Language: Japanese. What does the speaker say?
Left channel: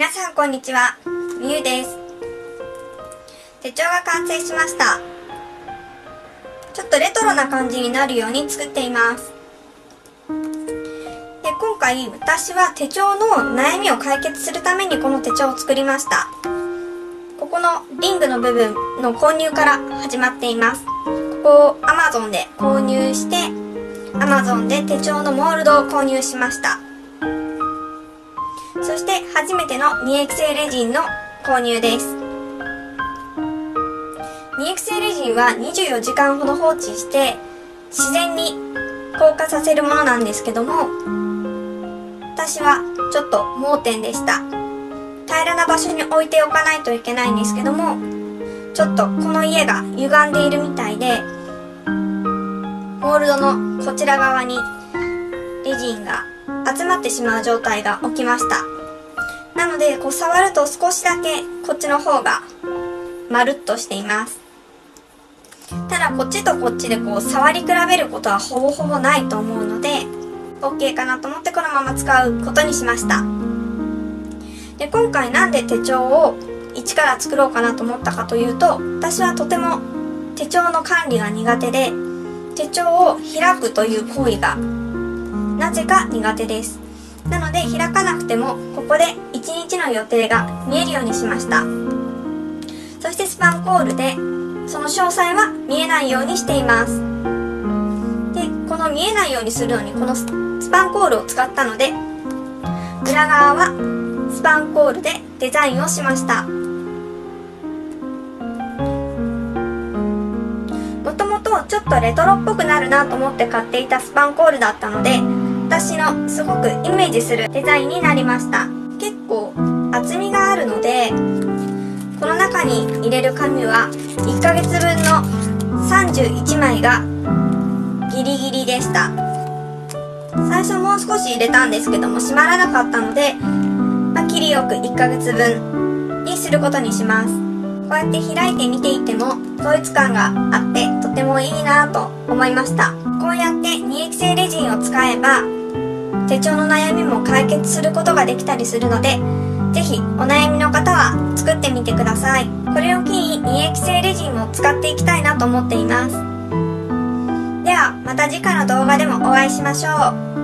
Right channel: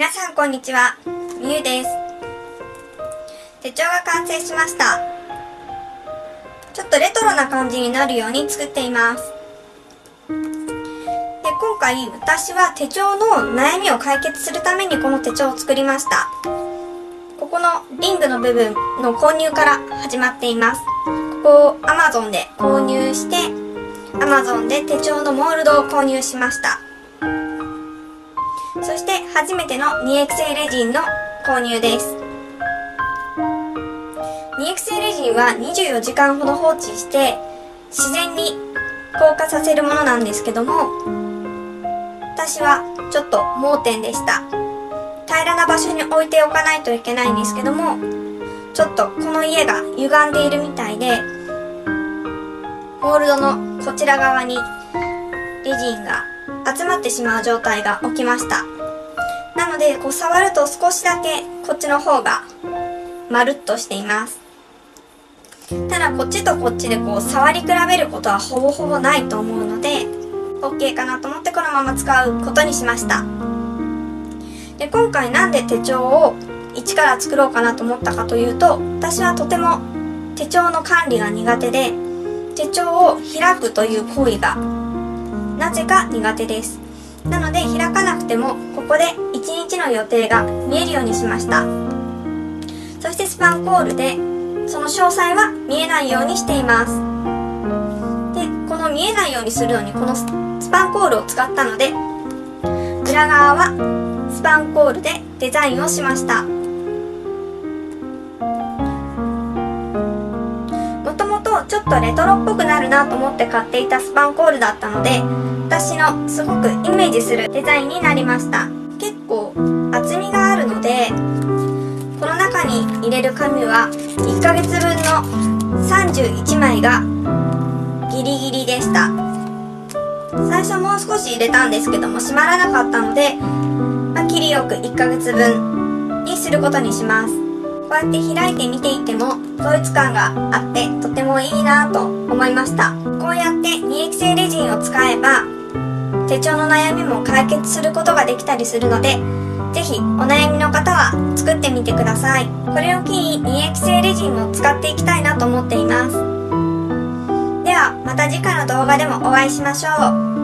皆さんこんにちは、みゆです。手帳が完成しました。ちょっとレトロな感じになるように作っています。で、今回私は手帳の悩みを解決するためにこの手帳を作りました。ここのリングの部分の購入から始まっています。ここを Amazon で購入して Amazon で手帳のモールドを購入しました。そして初めての2液性レジンの購入です。2液性レジンは24時間ほど放置して自然に硬化させるものなんですけども、私はちょっと盲点でした。平らな場所に置いておかないといけないんですけども、ちょっとこの家が歪んでいるみたいで、モールドのこちら側にレジンが集まってしまう状態が起きました。なので触ると少しだけこっちの方がまるっとしています。ただこっちとこっちで触り比べることはほぼほぼないと思うので OK かなと思ってこのまま使うことにしました。で、今回なんで手帳を一から作ろうかなと思ったかというと、私はとても手帳の管理が苦手で、手帳を開くという行為がなぜか苦手です。なので開かなくてもここで1日の予定が見えるようにしました。そしてスパンコールでその詳細は見えないようにしています。で、この見えないようにするのにこのスパンコールを使ったので、裏側はスパンコールでデザインをしました。もともとちょっとレトロっぽくなるなと思って買っていたスパンコールだったので、私のすごくイメージするデザインになりました。結構厚みがあるので、この中に入れる紙は1ヶ月分の31枚がギリギリでした。最初もう少し入れたんですけども閉まらなかったので、切りよく1ヶ月分にすることにします。こうやって開いて見ていても統一感があってとてもいいなと思いました。こうやって2液性レジンを使えば手帳の悩みも解決することができたりするので、ぜひお悩みの方は作ってみてください。これを機に2液性レジンを使っていきたいなと思っています。ではまた次回の動画でもお会いしましょう。